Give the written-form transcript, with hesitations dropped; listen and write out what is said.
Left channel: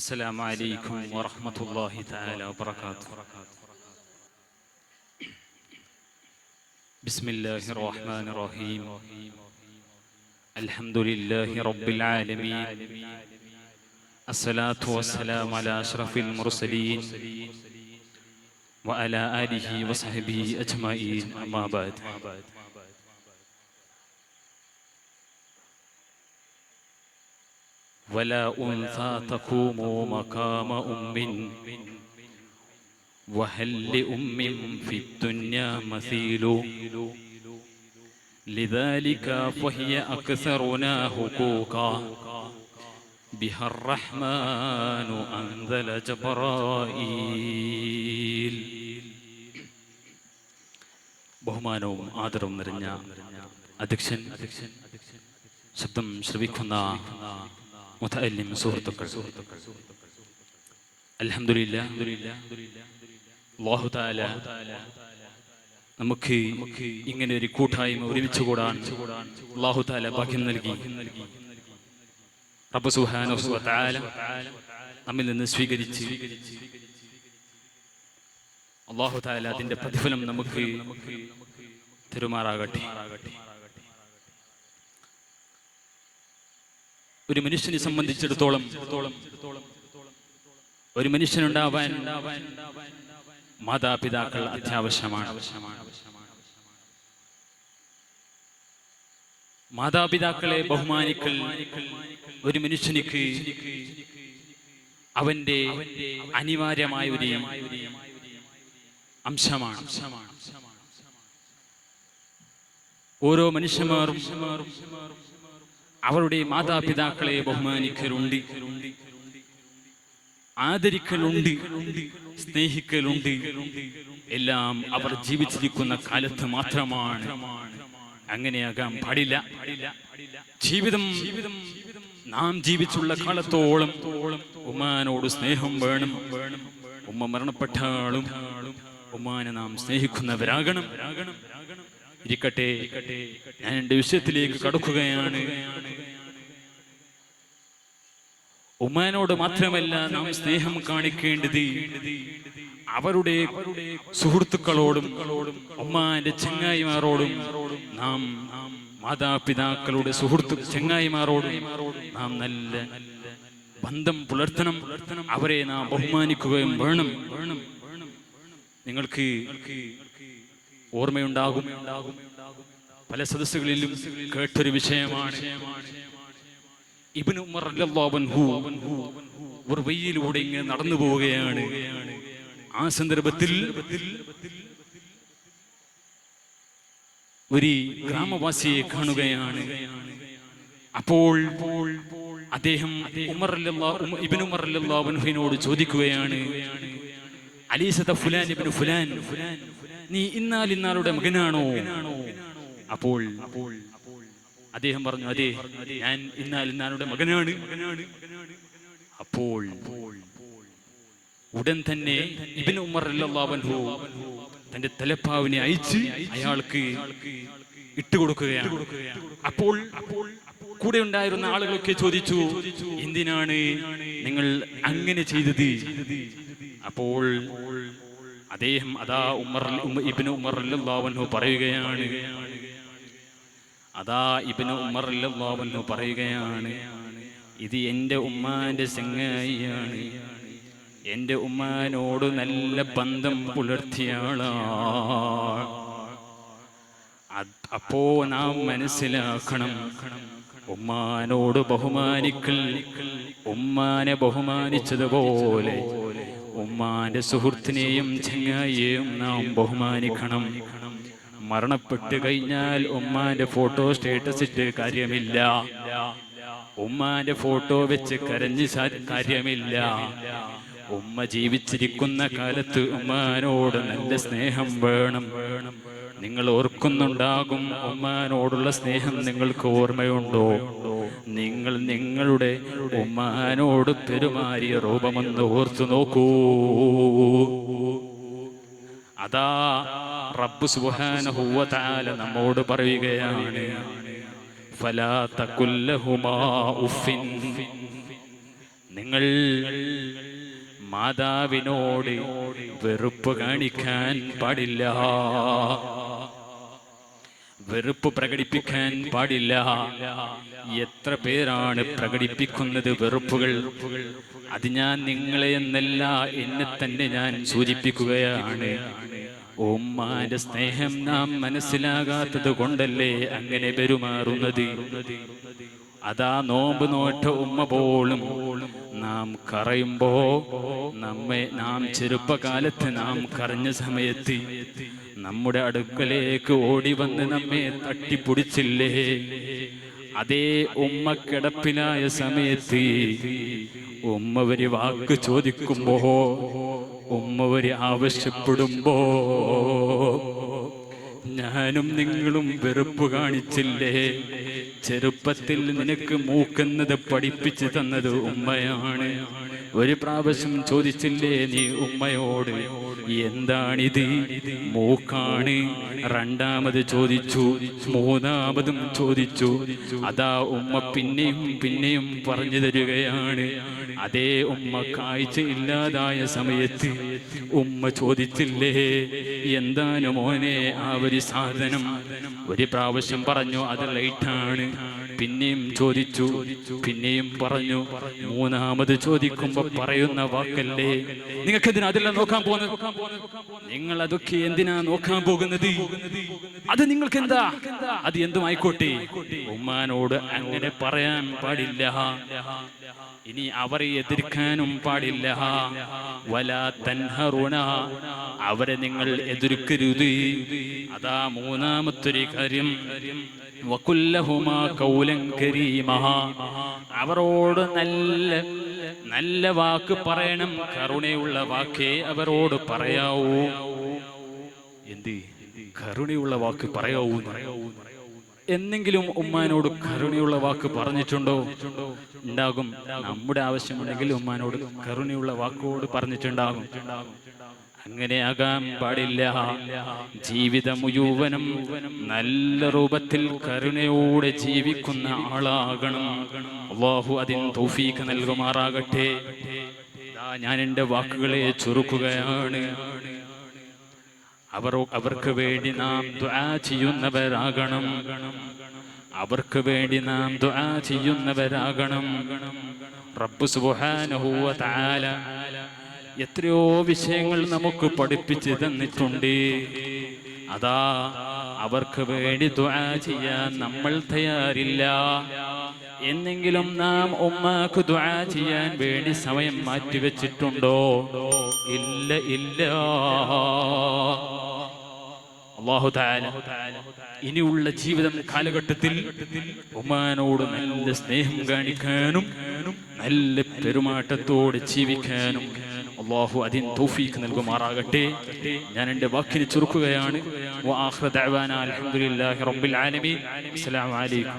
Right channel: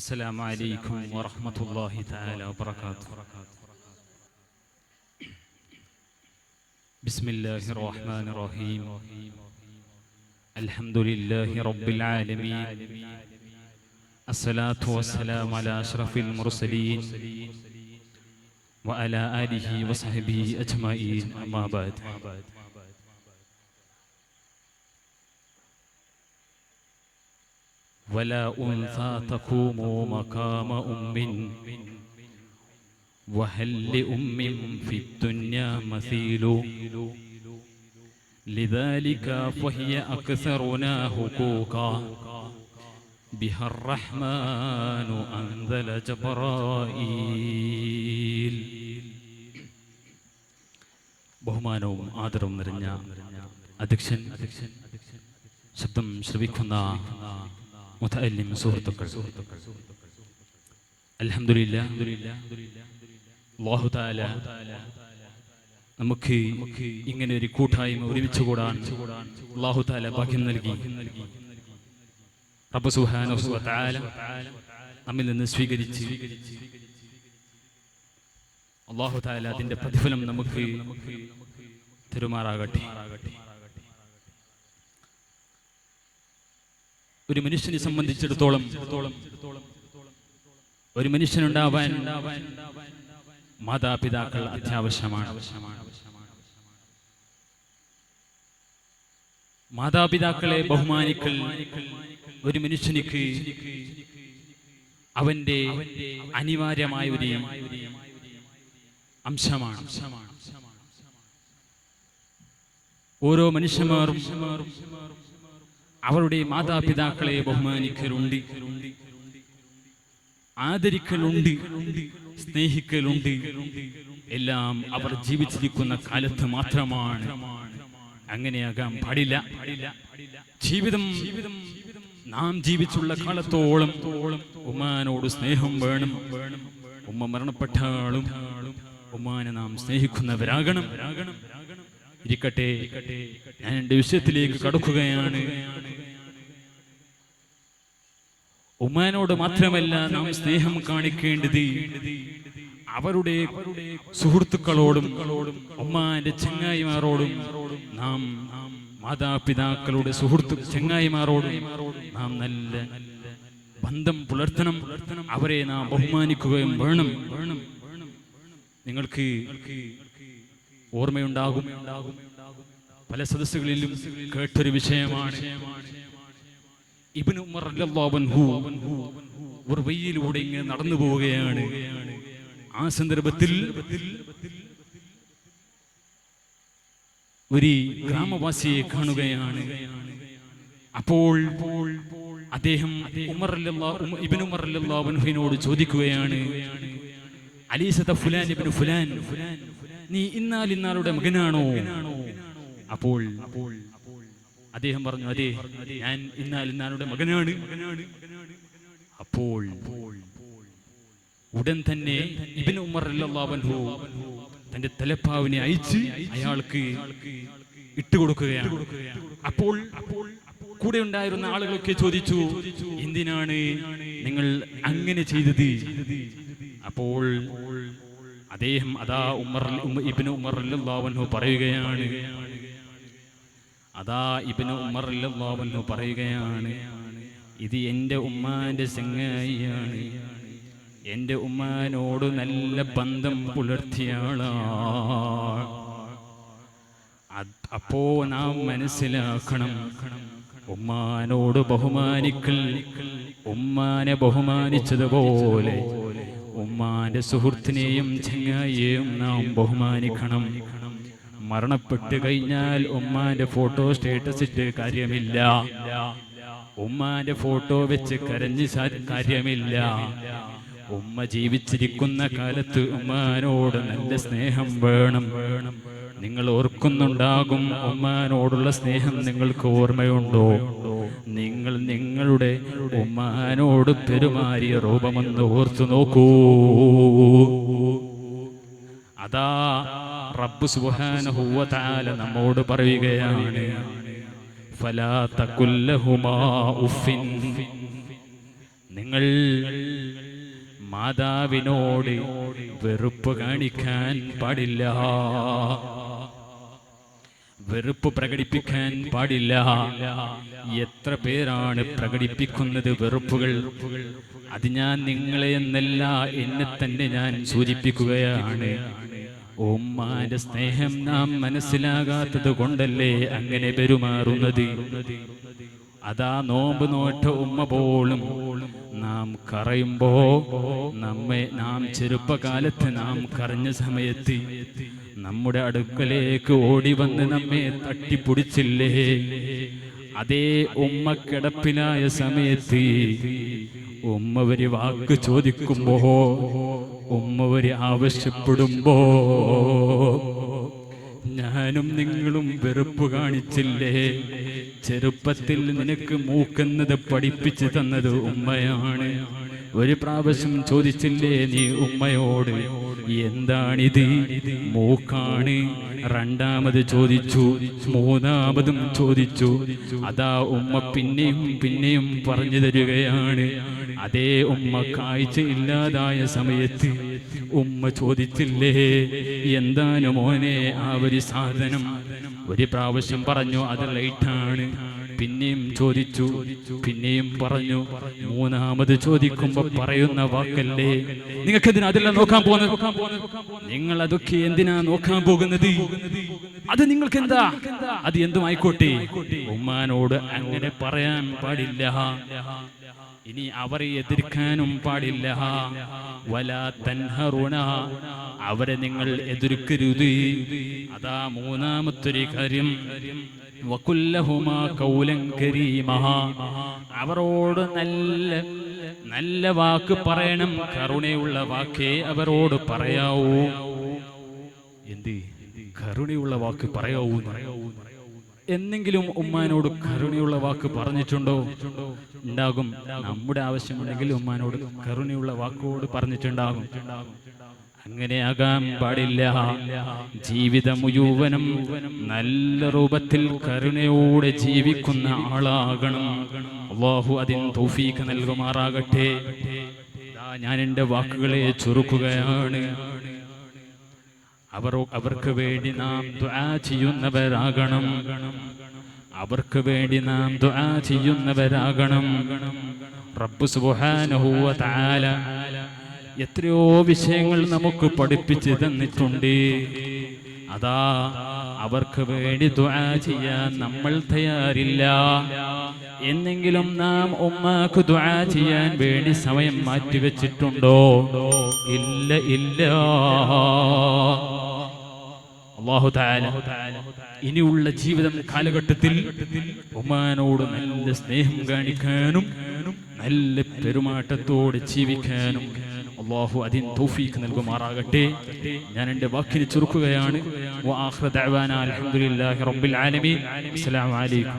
السلام عليكم ورحمة الله تعالى وبركاته. بسم الله الرحمن الرحيم. الحمد لله رب العالمين. الصلاة والسلام على أشرف المرسلين وعلى آله وصحبه أجمعين. أما بعد. ولا أنثى تقوم مقام أم وهل لأم في الدنيا مثيل لذلك فهي أكثرنا حقوقا بها الرحمن أنزل جبرائيل. ബഹുമാനവും ആദരവും നിറഞ്ഞ അധ്യക്ഷൻ, ശബ്ദം ശ്രവിക്കുന്ന മുതഅല്ലിം സുഹൃത്തുക്കൾ, അൽഹംദുലില്ലാഹ്, അല്ലാഹു തആല നമുക്ക് ഇങ്ങനെ ഒരു കൂട്ടായ്മ ഒരുമിച്ച് കൂടാൻ അല്ലാഹു തആല ഭാഗ്യം നൽകി. റബ്ബ് സുബ്ഹാനഹു വ തആല നമ്മിൽ നിന്ന് സ്വീകരിച്ച് അല്ലാഹു തആല അതിന്റെ പ്രതിഫലം നമുക്ക് തരുമാറാകട്ടെ. ഒരു മനുഷ്യനെ സംബന്ധിച്ചിടത്തോളം ഒരു മനുഷ്യനുണ്ടാവാൻ മാതാപിതാക്കൾ അത്യാവശ്യമാണ്. മാതാപിതാക്കളെ ബഹുമാനിക്കൽ ഒരു മനുഷ്യനിക്ക് അവന്റെ അനിവാര്യമായ ഒരു അംശമാണ്. ഓരോ മനുഷ്യന്മാരും അവരുടെ മാതാപിതാക്കളെ ബഹുമാനിക്കലുണ്ട്, ആദരിക്കലുണ്ട്, സ്നേഹിക്കലുണ്ട്. എല്ലാം അവർ ജീവിച്ചിരിക്കുന്ന കാലത്ത് മാത്രമാണ്. അങ്ങനെയാകാൻ പാടില്ല. ജീവിതം നാം ജീവിച്ചുള്ള കാലത്തോളം ഉമ്മാനോട് സ്നേഹം വേണം. ഉമ്മ മരണപ്പെട്ടാലും ഉമ്മാനെ നാം സ്നേഹിക്കുന്നവരാകണം. ഇരിക്കട്ടെ, ഞാൻ എൻ്റെ വിഷയത്തിലേക്ക് കടക്കുകയാണ്. ഉമ്മാനോട് മാത്രമല്ല നാം സ്നേഹം കാണിക്കേണ്ടത് അവരുടെ സുഹൃത്തുക്കളോടും ഉമ്മാന്റെ ചങ്ങായിമാരോടും. നാം മാതാപിതാക്കളുടെ ചങ്ങായിമാരോടും നാം നല്ല ബന്ധം പുലർത്തണം. അവരെ നാം ബഹുമാനിക്കുകയും വേണം. നിങ്ങൾക്ക് ഓർമ്മയുണ്ടാകും, പല സദസ്സുകളിലും കേട്ടൊരു വിഷയമാണ്. ഇബ്നു ഉമർ റളിയല്ലാഹു അൻഹു ഒരു വഴിയിലൂടെ ഇങ്ങനെ നടന്നു പോവുകയാണ്. ആ സന്ദർഭത്തിൽ ഒരു ഗ്രാമവാസിയെ കാണുകയാണ്. അപ്പോൾ അദ്ദേഹം ഇബ്നു ഉമർ റളിയല്ലാഹു അൻഹുവിനോട് ചോദിക്കുകയാണ്, അലീസത ഫുലാൻ ഇബ്നു ഫുലാൻ, നീ ഇന്നാലിന്നാളുടെ മകനാണോ? അപ്പോൾ അദ്ദേഹം പറഞ്ഞു, അതെ, ഞാൻ ഇന്നാലിന്നാളുടെ മകനാണ്. അപ്പോൾ ഉടൻ തന്നെ ഇബ്നു ഉമർ റളിയല്ലാഹു അൻഹു തന്റെ തലപ്പാവിനെ അയച്ച് അയാൾക്ക് ഇട്ടുകൊടുക്കുകയാണ്. അപ്പോൾ കൂടെ ഉണ്ടായിരുന്ന ആളുകളൊക്കെ ചോദിച്ചു, എന്തിനാണ് നിങ്ങൾ അങ്ങനെ ചെയ്തത്? അപ്പോൾ അദ്ദേഹം ഇബ്നു ഉമർ റളിയല്ലാഹു അൻഹു പറയുകയാണ്, ഇത് എൻ്റെ ഉമ്മാന്റെ ചങ്ങായിയാണ്, എൻ്റെ ഉമ്മാനോട് നല്ല ബന്ധം പുലർത്തിയാളാണ്. അപ്പോ നാം മനസ്സിലാക്കണം, ഉമ്മാനോട് ബഹുമാനിക്കൽ ഉമ്മാനെ ബഹുമാനിച്ചതുപോലെ ഉമ്മാന്റെ സുഹൃത്തിനെയും ചങ്ങായിയെയും നാം ബഹുമാനിക്കണം. മരണപ്പെട്ട് കഴിഞ്ഞാൽ ഉമ്മാന്റെ ഫോട്ടോ സ്റ്റേറ്റസ് ഇട്ട് കാര്യമില്ല, ഉമ്മാന്റെ ഫോട്ടോ വെച്ച് കരഞ്ഞ് കാര്യമില്ല. ഉമ്മ ജീവിച്ചിരിക്കുന്ന കാലത്ത് ഉമ്മാനോട് നല്ല സ്നേഹം വേണം. നിങ്ങൾ ഓർക്കുന്നുണ്ടാകും, ഉമ്മാനോടുള്ള സ്നേഹം നിങ്ങൾക്ക് ഓർമ്മയുണ്ടോ? നിങ്ങൾ നിങ്ങളുടെ ഉമ്മാനോട് പെരുമാറിയ രൂപമെന്ന് ഓർത്തു നോക്കൂ. അതാ റബ്ബ് സുബ്ഹാനഹു വ തആല നമ്മോട് പറയുകയാണ്, ഫലാ തഖുൽ ലഹുമാ ഉഫിൻ, നിങ്ങൾ മാതാവിനോട് വെറുപ്പ് കാണിക്കാൻ പാടില്ല, വെറുപ്പ് പ്രകടിപ്പിക്കാൻ പാടില്ല. എത്ര പേരാണ് പ്രകടിപ്പിക്കുന്നത് വെറുപ്പുകൾ? അത് ഞാൻ നിങ്ങളെ എന്നല്ല, എന്നെ തന്നെ ഞാൻ സൂചിപ്പിക്കുകയാണ്. ഉമ്മാന്റെ സ്നേഹം നാം മനസ്സിലാകാത്തത് കൊണ്ടല്ലേ അങ്ങനെ പെരുമാറുന്നത്. അതാ നോമ്പ് നോറ്റ ഉമ്മ പോലും നാം കരയുമ്പോ നാം ചെറുപ്പകാലത്ത് നാം കരഞ്ഞ സമയത്ത് നമ്മുടെ അടുക്കലേക്ക് ഓടി വന്ന് നമ്മെ തട്ടിപ്പൊടിച്ചില്ലേ? അതേ ഉമ്മ കിടപ്പിലായ സമയത്ത് ഉമ്മ ഒരു വാക്ക് ചോദിക്കുമ്പോ, ഉമ്മ ഒരു ആവശ്യപ്പെടുമ്പോ ഞാനും നിങ്ങളും വെറുപ്പ് കാണിച്ചില്ലേ? ചെറുപ്പത്തിൽ നിനക്ക് മൂക്കുന്നത് പഠിപ്പിച്ചു തന്നത് ഉമ്മയാണ്. ഒരു പ്രാവശ്യം ചോദിച്ചില്ലേ നീ ഉമ്മയോട്, എന്താണിത്? മൂക്കാണ്. രണ്ടാമത് ചോദിച്ചു, മൂന്നാമതും ചോദിച്ചു. അതാ ഉമ്മ പിന്നെയും പിന്നെയും പറഞ്ഞു തരികയാണ്. അതേ ഉമ്മ കാഴ്ച ഇല്ലാതായ സമയത്ത് ഉമ്മ ചോദിച്ചില്ലേ, എന്താണ് മോനെ ആ ഒരു സാധനം? ഒരു പ്രാവശ്യം പറഞ്ഞു അത് ലൈറ്റാണ്. പിന്നെയും ചോദിച്ചു, പിന്നെയും പറഞ്ഞു. മൂന്നാമത് ചോദിക്കുമ്പോ പറയുന്ന വാക്കല്ലേ, നിങ്ങൾക്ക് എന്തിനാ അതെല്ലാം നോക്കാൻ പോകുന്നത്? നിങ്ങൾ അതൊക്കെ എന്തിനാ നോക്കാൻ പോകുന്നത്? അത് നിങ്ങൾക്ക് എന്താ? അത് എന്തുമായിക്കോട്ടെ, ഉമ്മാനോട് അങ്ങനെ പറയാൻ പാടില്ല. ഇനി അവരെ എതിർക്കാനും പാടില്ല. വലാ തൻഹറുന, അവരെ നിങ്ങൾ എതിർക്കരുത്. അതാ മൂന്നാമത്തൊരു കാര്യം. വകുല്ലഹുമാ ഖൗലൻ കരീമാ, അവരോട് നല്ല നല്ല വാക്ക് പറയണം. കരുണയുള്ള വാക്കേ അവരോട് പറയാവൂ. എന്ത് കരുണയുള്ള വാക്ക് പറയാവൂ? എന്നെങ്കിലും ഉമ്മാനോട് കരുണയുള്ള വാക്ക് പറഞ്ഞിട്ടുണ്ടോ? ഉണ്ടാകും. നമ്മുടെ ആവശ്യമുണ്ടെങ്കിൽ ഉമ്മാനോട് കരുണയുള്ള വാക്കോട് പറഞ്ഞിട്ടുണ്ടാകും. അങ്ങനെയാകാൻ പാടില്ല. ജീവിതം മുഴുവനും നല്ല രൂപത്തിൽ കരുണയോടെ ജീവിക്കുന്ന ആളാകണം. അല്ലാഹു അതിന് തൗഫീഖ് നൽകുമാറാകട്ടെ. ഞാൻ എൻ്റെ വാക്കുകളെ ചുരുക്കുകയാണ്. അവർക്ക് വേണ്ടി നാം ദുആ ചെയ്യുന്നവരാകണം. അവർക്ക് വേണ്ടി നാം ദുആ ചെയ്യുന്നവരാകണം. റബ്ബ് സുബ്ഹാനഹു വ തആല എത്രയോ വിഷയങ്ങൾ നമുക്ക് പഠിപ്പിച്ച് തന്നിട്ടുണ്ട്. അതാ അവർക്ക് വേണ്ടി ദുആ ചെയ്യാൻ നമ്മൾ തയ്യാറില്ല. എന്നെങ്കിലും നാം ഉമ്മാക്ക് ദുആ ചെയ്യാൻ വേണ്ടി സമയം മാറ്റിവെച്ചിട്ടുണ്ടോ? ഇല്ല, ഇല്ല. അല്ലാഹു തആല ഇനിയുള്ള ജീവിതം കാലഘട്ടത്തിൽ ഉമ്മാനോട് നല്ല സ്നേഹം കാണിക്കാനും നല്ല പെരുമാറ്റത്തോടെ ജീവിക്കാനും അല്ലാഹു അതിന് തൗഫീഖ് നൽകുമാറാകട്ടെ. ഞാൻ എൻ്റെ വാക്കിനെ ചുരുക്കുകയാണ്. വആഖിറു ദഅ്വാനാ അൽഹംദുലില്ലാഹി റബ്ബിൽ ആലമീൻ. അസ്സലാമു അലൈക്കും.